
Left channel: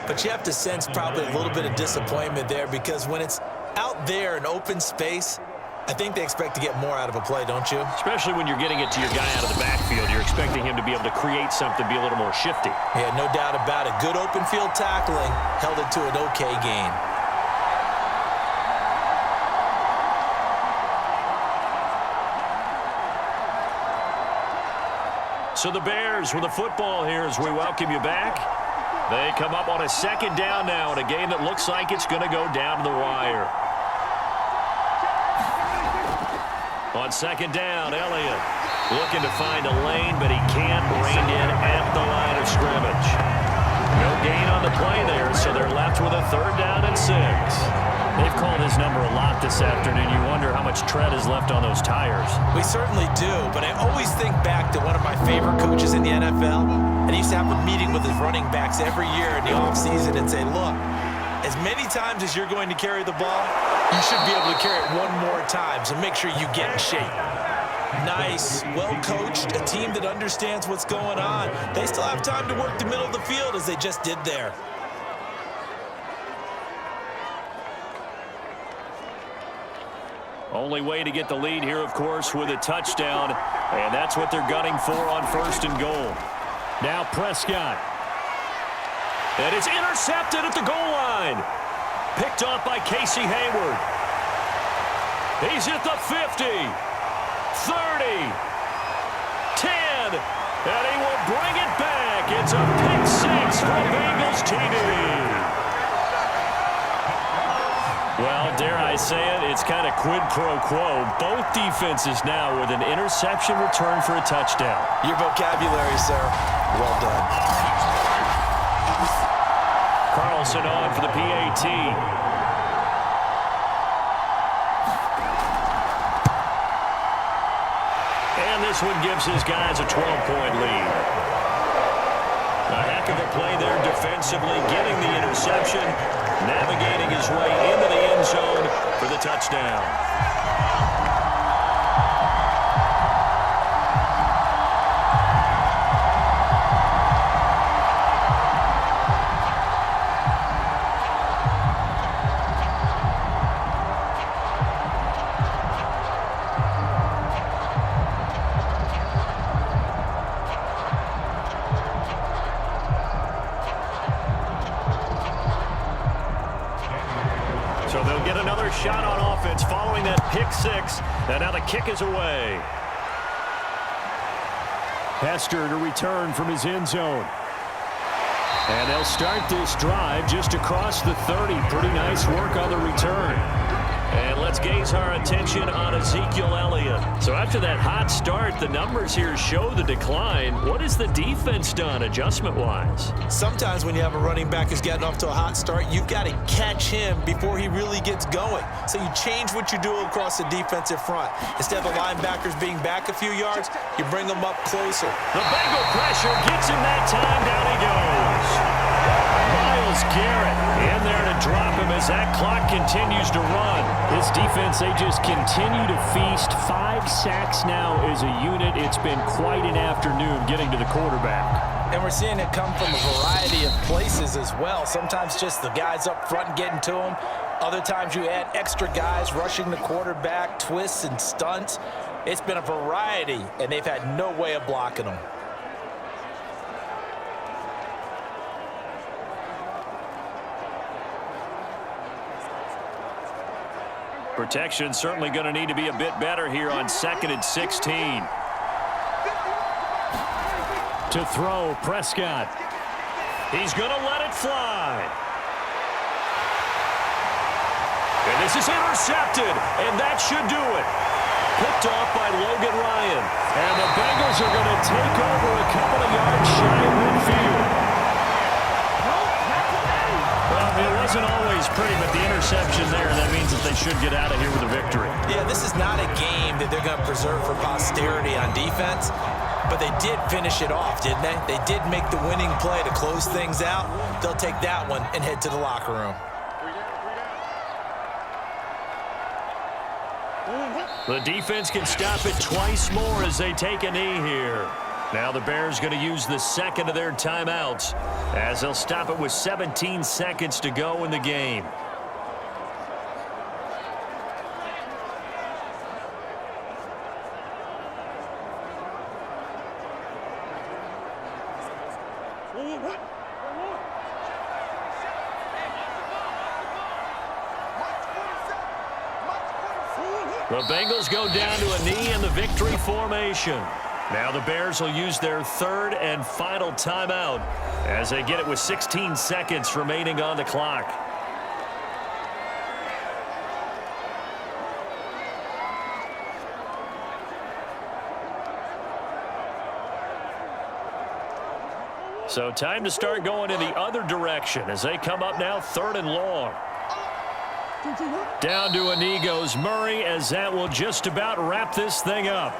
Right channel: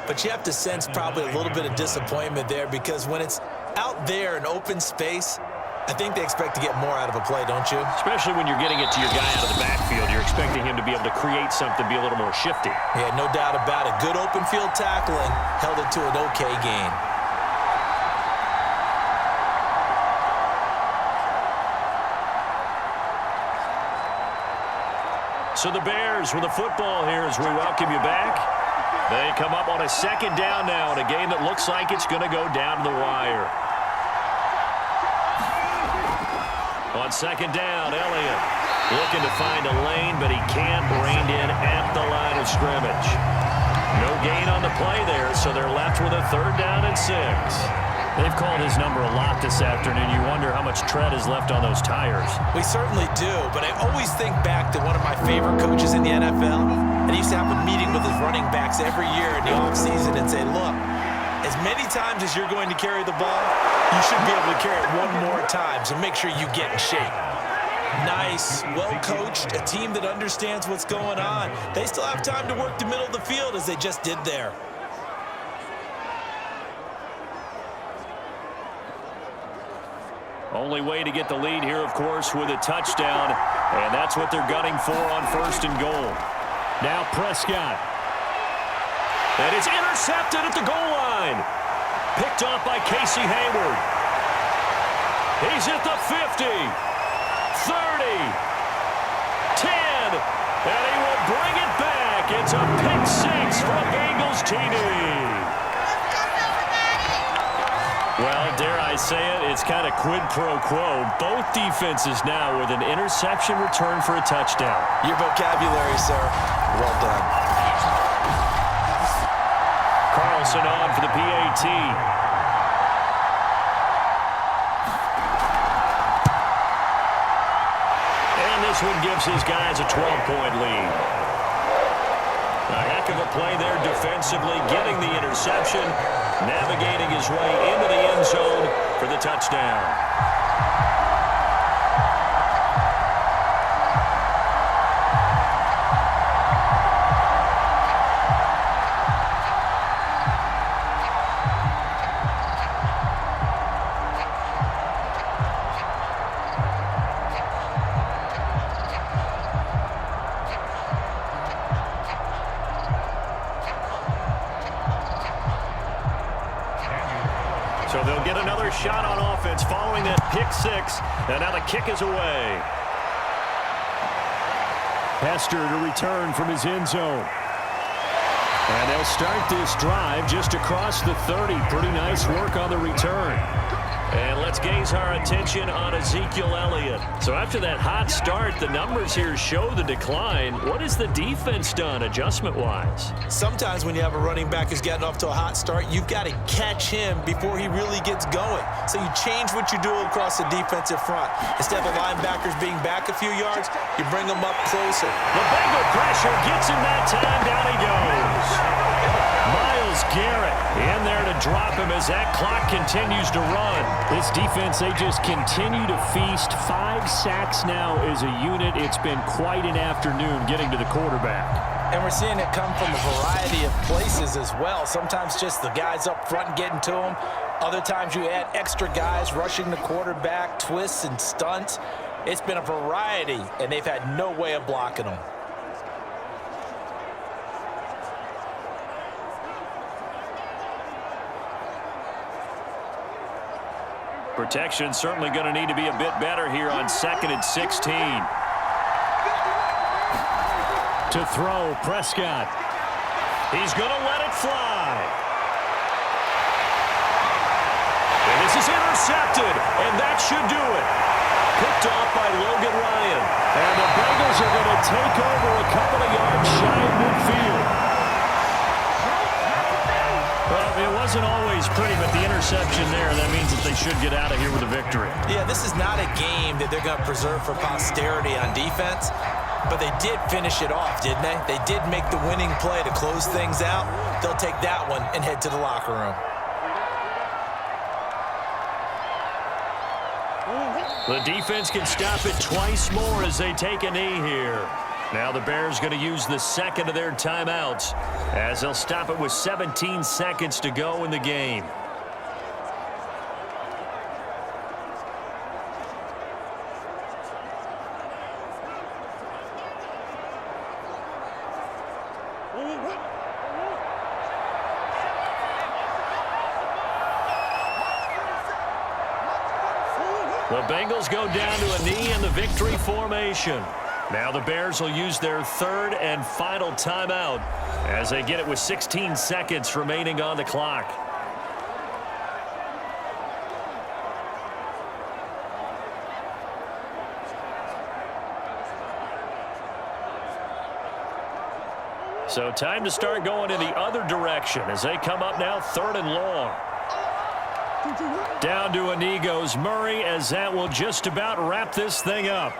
but you have to sense probably a little bit of disappointment there, because when it's out there in open space, I think they expect to get more out of a play, don't you? Especially when you're getting it to your guy out of the backfield. You're expecting him to be able to create something, be a little more shifty. Yeah, no doubt about it. Good open field tackling, held it to an okay gain. So the Bears with the football here as we welcome you back. They come up on a 2nd down now in a game that looks like it's going to go down to the wire. On 2nd down, Elliott looking to find a lane, but he can't. Reined in at the line of scrimmage. No gain on the play there, so they're left with a 3rd down and 6. They've called his number a lot this afternoon. You wonder how much tread is left on those tires. We certainly do, but I always think back to one of my favorite coaches in the NFL, and he used to have a meeting with his running backs every year in the offseason and say, look, as many times as you're going to carry the ball, you should be able to carry it one more time, so make sure you get in shape. Nice, well-coached, a team that understands what's going on. They still have time to work the middle of the field as they just did there. Only way to get the lead here, of course, with a touchdown, and that's what they're gunning for on 1st and goal. Now Prescott. And it's intercepted at the goal line. Picked off by Casey Hayward. He's at the 50, 30, 10, and he will bring it back. It's a pick 6 from Bengals TD. Well, dare I say it, it's kind of quid pro quo. Both defenses now with an interception return for a touchdown. Your vocabulary, sir. Well done. Carlson on for the PAT. And this one gives his guys a 12-point lead. A heck of a play there defensively, getting the interception, navigating his way into the end zone for the touchdown. So they'll get another shot on offense following that pick six. And now the kick is away. Hester to return from his end zone. And they'll start this drive just across the 30. Pretty nice work on the return. And let's gaze our attention on Ezekiel Elliott. So after that hot start, the numbers here show the decline. What has the defense done adjustment-wise? Sometimes when you have a running back who's getting off to a hot start, you've got to catch him before he really gets going. So you change what you do across the defensive front. Instead of the linebackers being back a few yards, you bring them up closer. The Bengal pressure gets him that time. Down he goes. Myles Garrett in there to drop him as that clock continues to run. This defense, they just continue to feast. 5 sacks now as a unit. It's been quite an afternoon getting to the quarterback. And we're seeing it come from a variety of places as well. Sometimes just the guys up front getting to him. Other times you add extra guys rushing the quarterback, twists and stunts. It's been a variety, and they've had no way of blocking them. Protection certainly going to need to be a bit better here on 2nd and 16. To throw, Prescott. He's going to let it fly. And this is intercepted, and that should do it. Picked off by Logan Ryan. And the Bengals are going to take over a couple of yards shy of midfield. Well, it wasn't always pretty, but the interception there, that means that they should get out of here with a victory. Yeah, this is not a game that they're going to preserve for posterity on defense, but they did finish it off, didn't they? They did make the winning play to close things out. They'll take that one and head to the locker room. The defense can stop it twice more as they take a knee here. Now the Bears going to use the second of their timeouts as they'll stop it with 17 seconds to go in the game. The Bengals go down to a knee in the victory formation. Now the Bears will use their third and final timeout as they get it with 16 seconds remaining on the clock. So time to start going in the other direction as they come up now 3rd and long. Down to a knee goes Murray as that will just about wrap this thing up.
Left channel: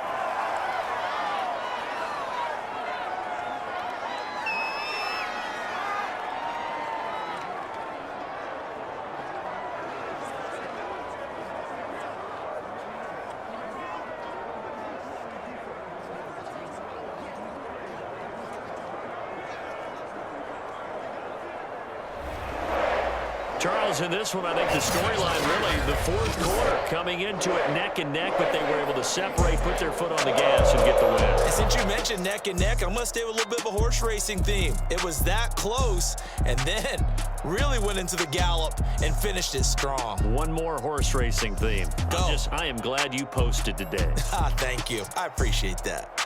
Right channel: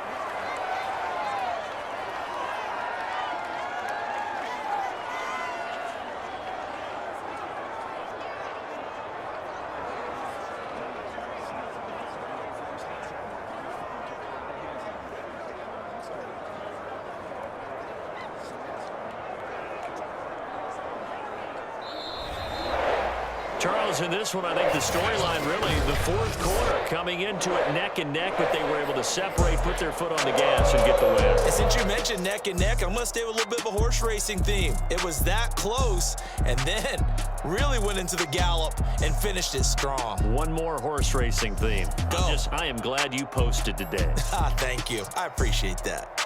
Charles, in this one, I think the storyline really, the 4th quarter, coming into it neck and neck, but they were able to separate, put their foot on the gas, and get the win. And since you mentioned neck and neck, I'm going to stay with a little bit of a horse racing theme. It was that close, and then really went into the gallop and finished it strong. One more horse racing theme. Go. I am glad you posted today. Thank you. I appreciate that.